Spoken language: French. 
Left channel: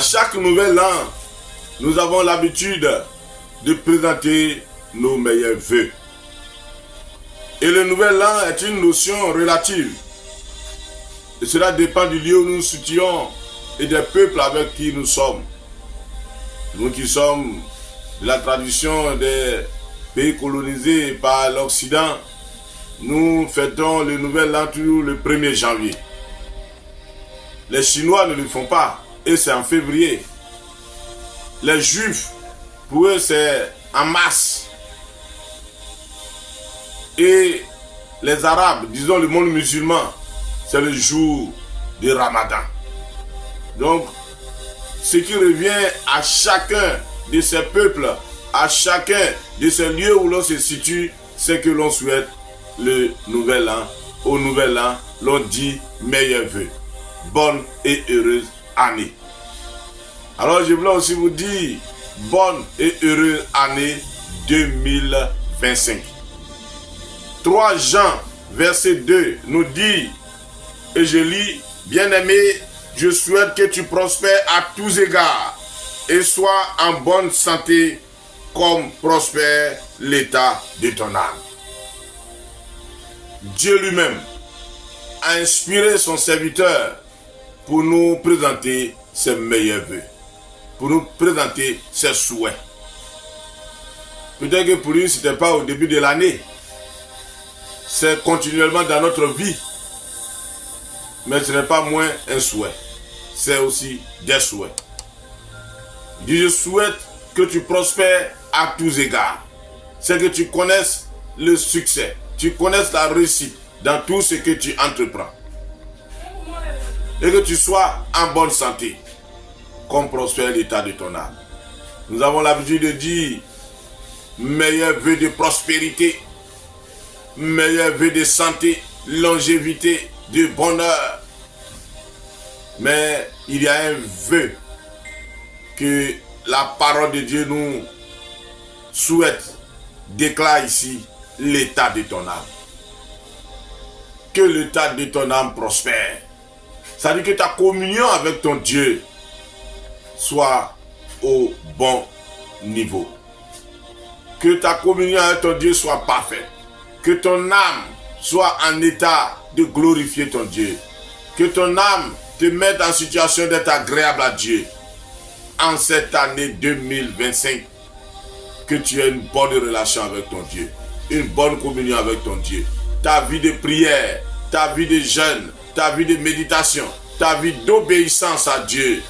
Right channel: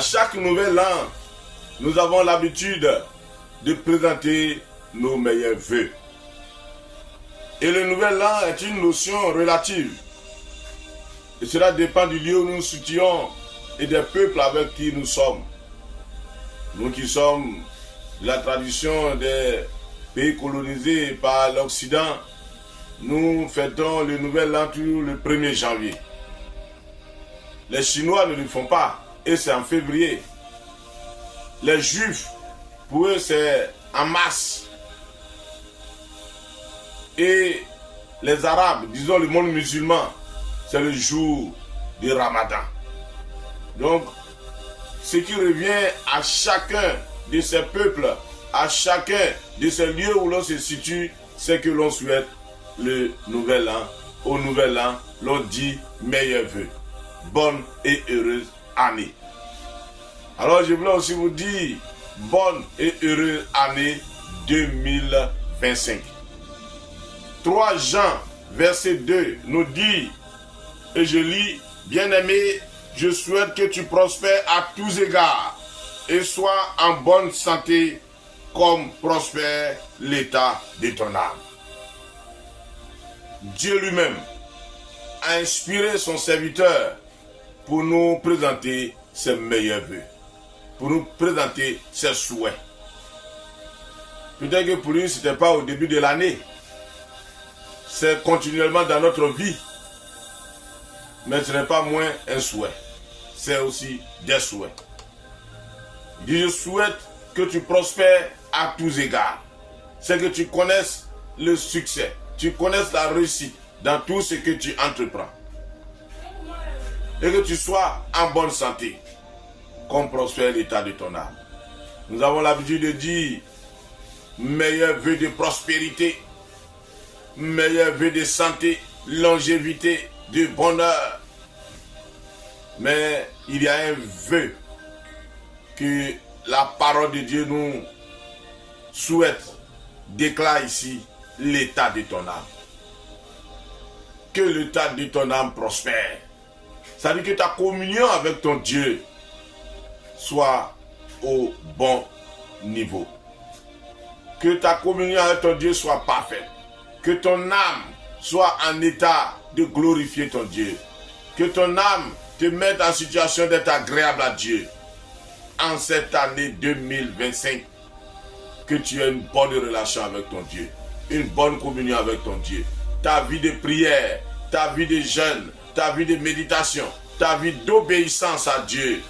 À chaque nouvel an, nous avons l'habitude de présenter nos meilleurs vœux. Et le nouvel an est une notion relative. Et cela dépend du lieu où nous nous situons et des peuples avec qui nous sommes. Nous qui sommes de la tradition des pays colonisés par l'Occident, nous fêtons le nouvel an toujours le 1er janvier. Les Chinois ne le font pas et c'est en février. Les Juifs, pour eux, c'est en mars. Et les Arabes, disons le monde musulman, c'est le jour du Ramadan. Donc, ce qui revient à chacun de ces peuples, à chacun de ces lieux où l'on se situe, c'est que l'on souhaite le nouvel an. Au nouvel an, l'on dit meilleurs vœux. Bonne et heureuse année. Alors, je voulais aussi vous dire bonne et heureuse année 2025. 3 Jean, verset 2, nous dit, et je lis, bien-aimé, je souhaite que tu prospères à tous égards et sois en bonne santé comme prospère l'état de ton âme. Dieu lui-même a inspiré son serviteur pour nous présenter ses meilleurs vœux, pour nous présenter ses souhaits. Peut-être que pour lui, ce n'était pas au début de l'année, c'est continuellement dans notre vie. Mais ce n'est pas moins un souhait, c'est aussi des souhaits. Il dit, je souhaite que tu prospères à tous égards. C'est que tu connaisses le succès, tu connaisses la réussite dans tout ce que tu entreprends. Et que tu sois en bonne santé, comme prospère l'état de ton âme. Nous avons l'habitude de dire, meilleur vœu de prospérité, meilleur vœu de santé, longévité, de bonheur. Mais il y a un vœu que la parole de Dieu nous souhaite, déclare ici, l'état de ton âme. Que l'état de ton âme prospère. Ça veut dire que ta communion avec ton Dieu soit au bon niveau. Que ta communion avec ton Dieu soit parfaite. Que ton âme soit en état de glorifier ton Dieu. Que ton âme te mette en situation d'être agréable à Dieu. En cette année 2025, que tu aies une bonne relation avec ton Dieu. Une bonne communion avec ton Dieu. Ta vie de prière, ta vie de jeûne, ta vie de méditation, ta vie d'obéissance à Dieu